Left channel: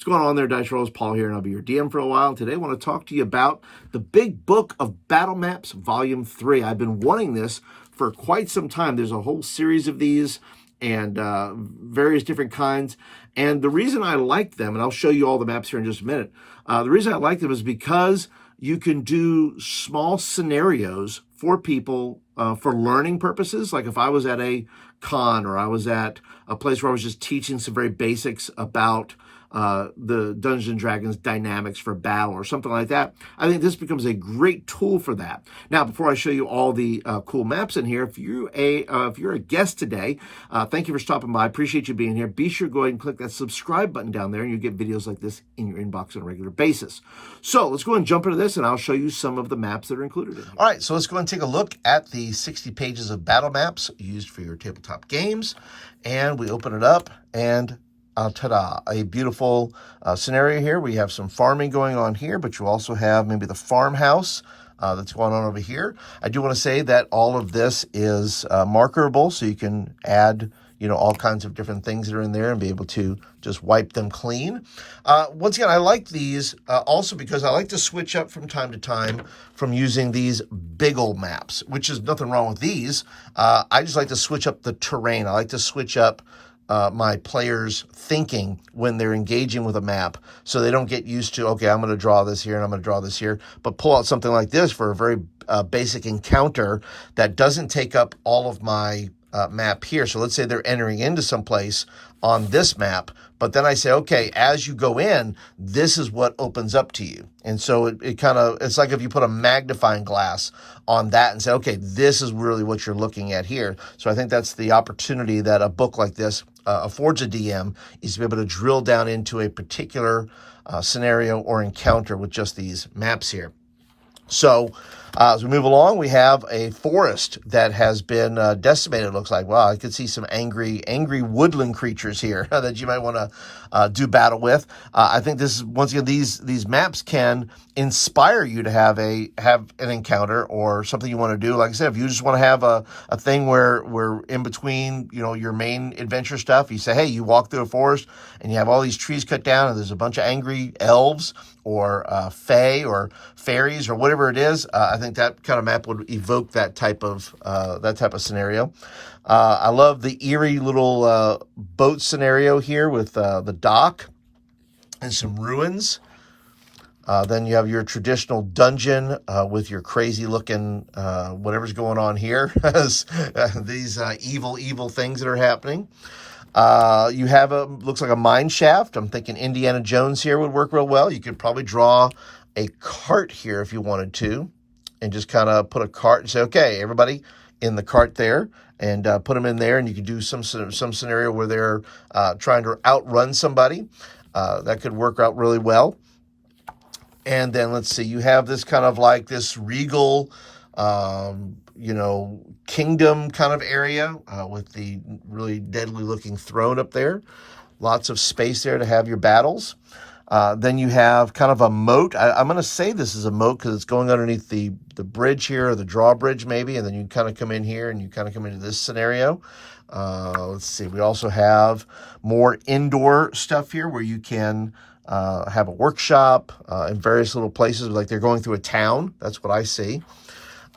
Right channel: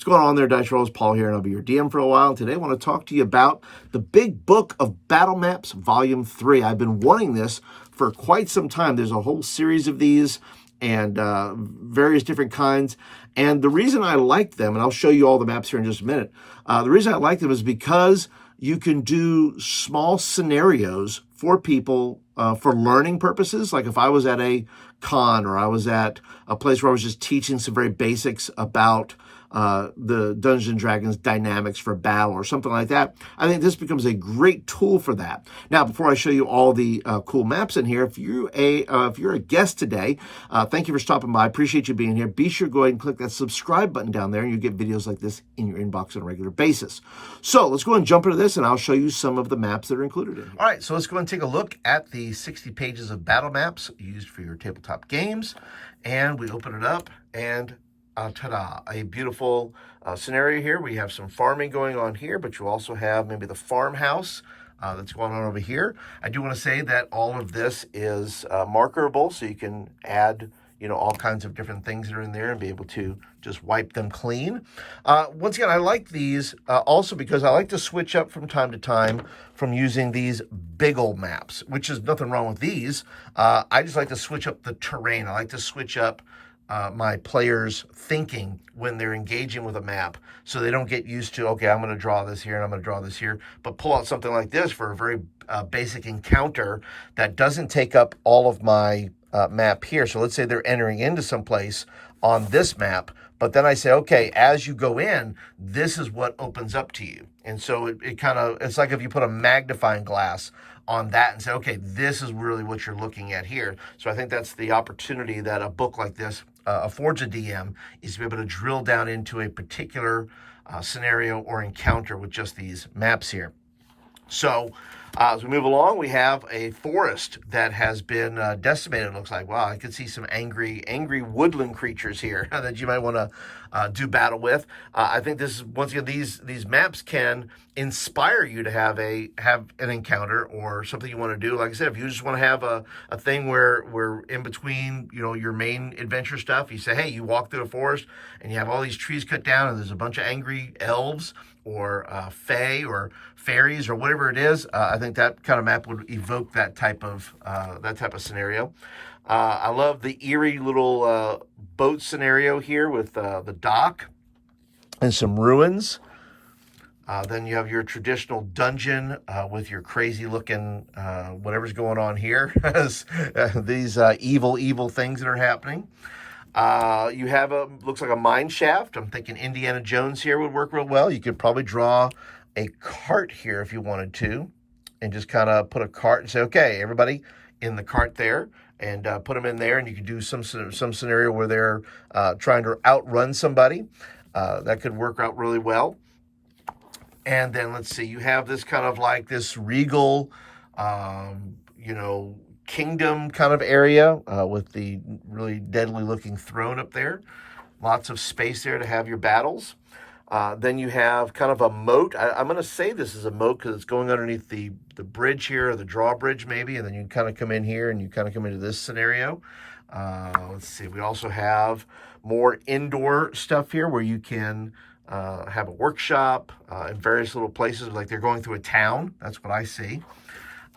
What's going on there, Dice Rollers? Paul here, and I'll be your DM for a while. Today I want to talk to you about the Big Book of Battle Maps, Volume 3. I've been wanting this for quite some time. There's a whole series of these and various different kinds. And the reason I like them, and I'll show you all the maps here in just a minute, the reason I like them is because you can do small scenarios for people for learning purposes. Like if I was at a con or I was at a place where I was just teaching some very basics about the Dungeons & Dragons dynamics for battle or something like that, I think this becomes a great tool for that. Now, before I show you all the cool maps in here, if you're a guest today, thank you for stopping by. I appreciate you being here. Be sure to go ahead and click that subscribe button down there, and you get videos like this in your inbox on a regular basis. So let's go ahead and jump into this, and I'll show you some of the maps that are included in here. All right, so let's go ahead and take a look at the 60 pages of battle maps used for your tabletop games. And we open it up, and ta-da, a beautiful scenario here. We have some farming going on here, but you also have maybe the farmhouse that's going on over here. I do want to say that all of this is markerable, so you can add all kinds of different things that are in there and be able to just wipe them clean. Once again, I like these also because I like to switch up from time to time from using these big old maps, which is nothing wrong with these. I just like to switch up the terrain. I like to switch up my players' thinking when they're engaging with a map, so they don't get used to, okay, I'm going to draw this here and I'm going to draw this here, but pull out something like this for a very basic encounter that doesn't take up all of my map here. So let's say they're entering into some place on this map, but then I say, okay, as you go in, this is what opens up to you. And so it's like if you put a magnifying glass on that and say, okay, this is really what you're looking at here. So I think that's the opportunity that a book like this affords a DM, is to be able to drill down into a particular scenario or encounter with just these maps here. So as we move along, we have a forest that has been decimated, it looks like. Wow, I could see some angry woodland creatures here that you might want to do battle with. I think this is, once again, these maps can inspire you to have an encounter or something you want to do. Like I said, if you just want to have a thing where we're in between, your main adventure stuff, you say, hey, you walk through a forest and you have all these trees cut down and there's a bunch of angry elves or fae or fairies or whatever it is. I think that kind of map would evoke that type of scenario. I love the eerie little boat scenario here with the dock and some ruins. Then you have your traditional dungeon with your crazy looking whatever's going on here. These evil things that are happening. You have looks like a mine shaft. I'm thinking Indiana Jones here would work real well. You could probably draw a cart here if you wanted to, and just kind of put a cart and say, okay, everybody in the cart there, and put them in there, and you could do some scenario where they're trying to outrun somebody. That could work out really well. And then let's see, you have this kind of like this regal, kingdom kind of area with the really deadly looking throne up there. Lots of space there to have your battles. Then you have kind of a moat. I'm going to say this is a moat because it's going underneath the bridge here, or the drawbridge maybe, and then you kind of come in here and you kind of come into this scenario. Let's see, we also have more indoor stuff here where you can have a workshop in various little places, like they're going through a town. That's what I see.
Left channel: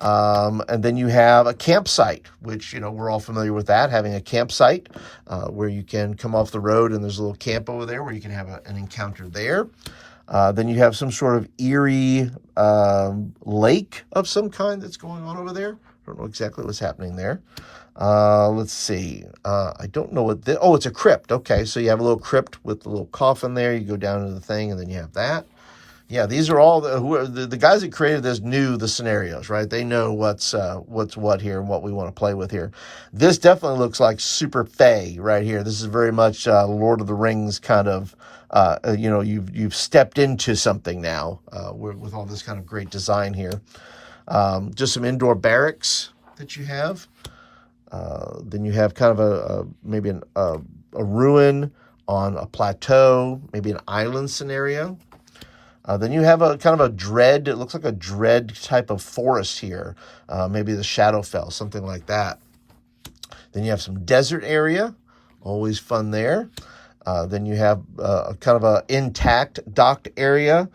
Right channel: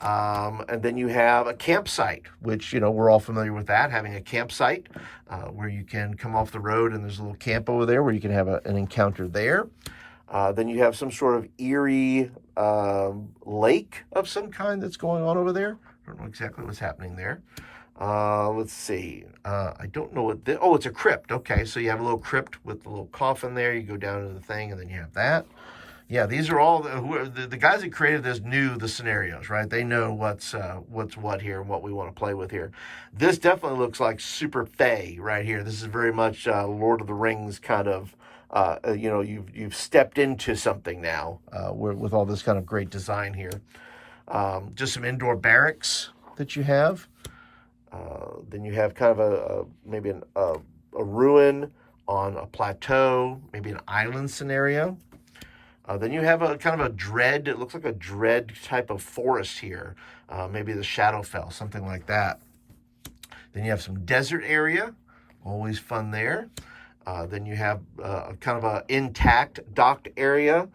And then you have a campsite, which, we're all familiar with that, having a campsite where you can come off the road and there's a little camp over there where you can have an encounter there. Then you have some sort of eerie lake of some kind that's going on over there. I don't know exactly what's happening there. Let's see. I don't know what this... Oh, it's a crypt. Okay, so you have a little crypt with a little coffin there. You go down into the thing, and then you have that. Yeah, these are all the guys that created this knew the scenarios, right? They know what's what here and what we want to play with here. This definitely looks like super fae right here. This is very much Lord of the Rings kind of. You've stepped into something now with all this kind of great design here. Just some indoor barracks that you have. Then you have kind of maybe a ruin on a plateau, maybe an island scenario. Then you have a kind of a dread, it looks like a dread type of forest here. Maybe the Shadowfell, something like that. Then you have some desert area, always fun there. Then you have kind of a intact docked area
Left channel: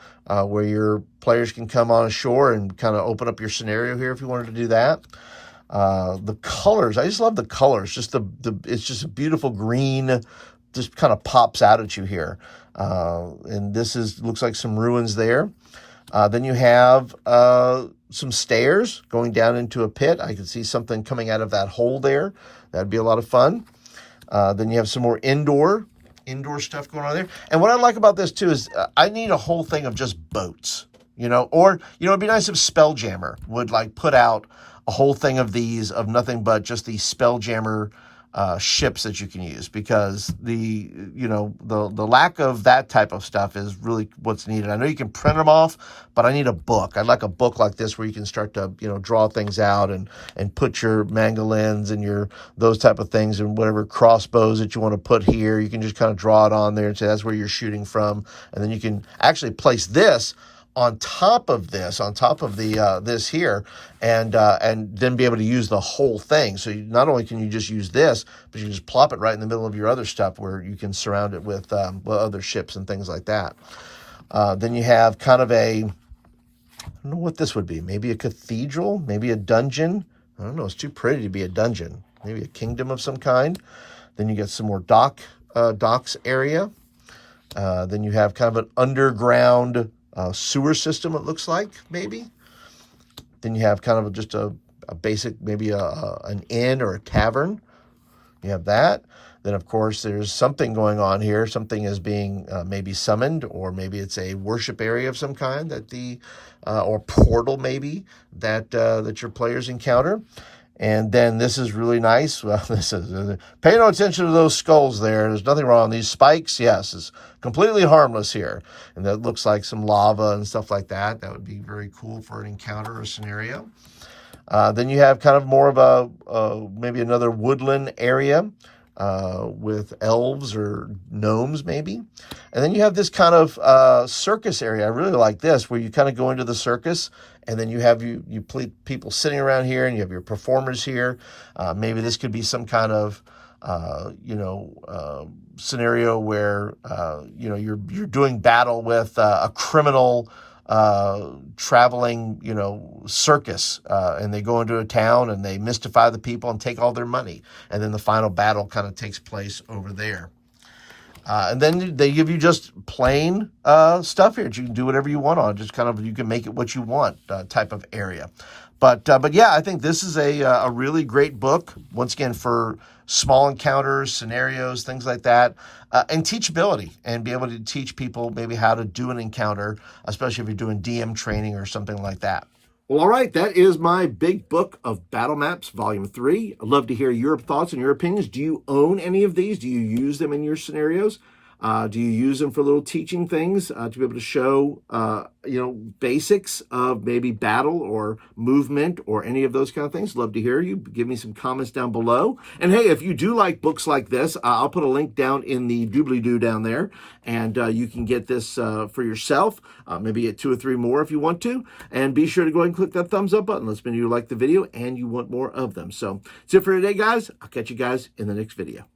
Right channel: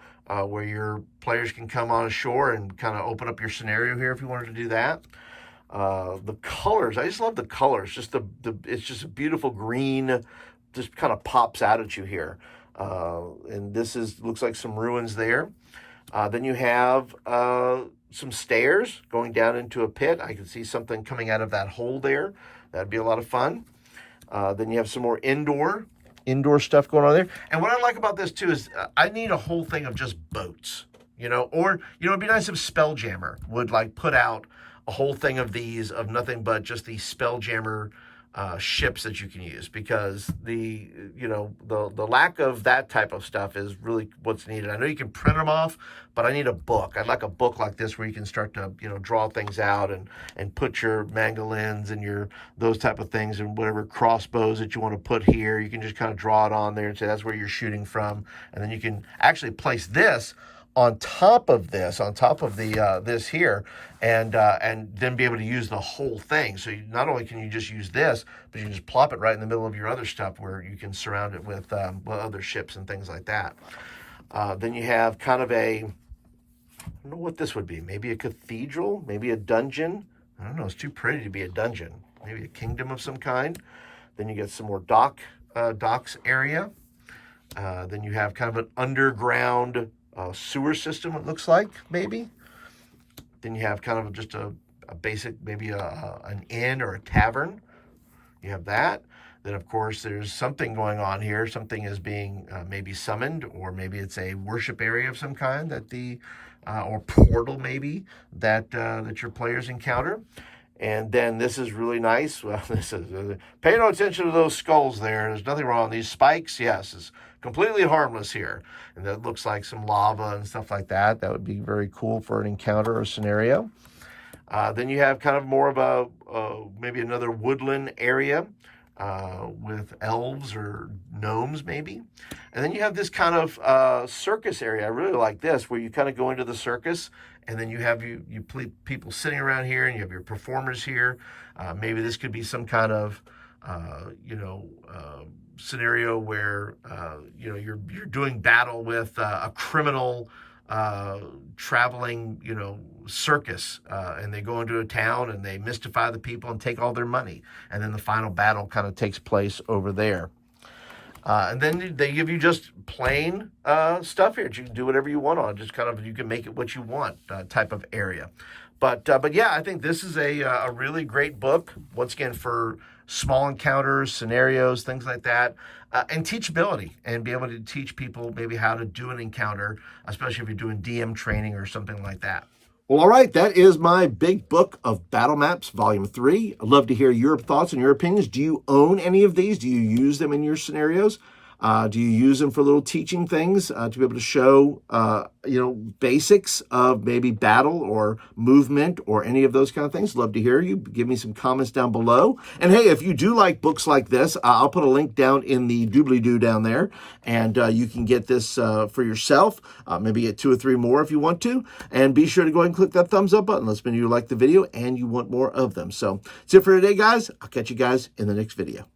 where your players can come on shore and kind of open up your scenario here if you wanted to do that. The colors, I just love the colors. Just it's just a beautiful green, just kind of pops out at you here. And this looks like some ruins there. Then you have some stairs going down into a pit. I can see something coming out of that hole there. That'd be a lot of fun. Then you have some more indoor stuff going on there. And what I like about this too is I need a whole thing of just boats, or, it'd be nice if Spelljammer would like put out a whole thing of these, of nothing but just these Spelljammer ships that you can use, because the lack of that type of stuff is really what's needed. I know you can print them off, but I need a book. I'd like a book like this where you can start to draw things out and put your mangolins and those type of things, and whatever crossbows that you want to put here, you can just kind of draw it on there and say that's where you're shooting from, and then you can actually place this on top of this, this here, and then be able to use the whole thing. So not only can you just use this, but you can just plop it right in the middle of your other stuff where you can surround it with other ships and things like that. Then you have kind of I don't know what this would be. Maybe a cathedral, maybe a dungeon. I don't know. It's too pretty to be a dungeon. Maybe a kingdom of some kind. Then you get some more docks area. Then you have kind of an underground sewer system, it looks like, maybe. Then you have kind of just a basic, maybe an inn or a tavern. You have that. Then, of course, there's something going on here. Something is being maybe summoned, or maybe it's a worship area of some kind or portal maybe that your players encounter. And then this is really nice. Well, pay no attention to those skulls there. There's nothing wrong. These spikes, yes, it's completely harmless here. And that looks like some lava and stuff like that. That would be very cool for an encounter or scenario. Then you have kind of more of maybe another woodland area with elves or gnomes maybe. And then you have this kind of circus area. I really like this, where you kind of go into the circus, and then you have people sitting around here, and you have your performers here. Maybe this could be some kind of scenario where you're doing battle with a criminal traveling circus, and they go into a town and they mystify the people and take all their money, and then the final battle kind of takes place over there. And then they give you just plain stuff here that you can do whatever you want on. Just kind of, you can make it what you want type of area. But yeah, I think this is a really great book, once again, for small encounters, scenarios, things like that, and teachability, and be able to teach people maybe how to do an encounter, especially if you're doing DM training or something like that. Well, all right, that is my big book of Battle Maps, Volume 3. I'd love to hear your thoughts and your opinions. Do you own any of these? Do you use them in your scenarios? Do you use them for little teaching things to be able to show, basics of maybe battle or movement or any of those kind of things? Love to hear you. Give me some comments down below. And hey, if you do like books like this, I'll put a link down in the doobly-doo down there, and you can get this for yourself. Maybe get 2 or 3 more if you want to. And be sure to go ahead and click that thumbs up button. Let's know you like the video and you want more of them. So that's it for today, guys. I'll catch you guys in the next video.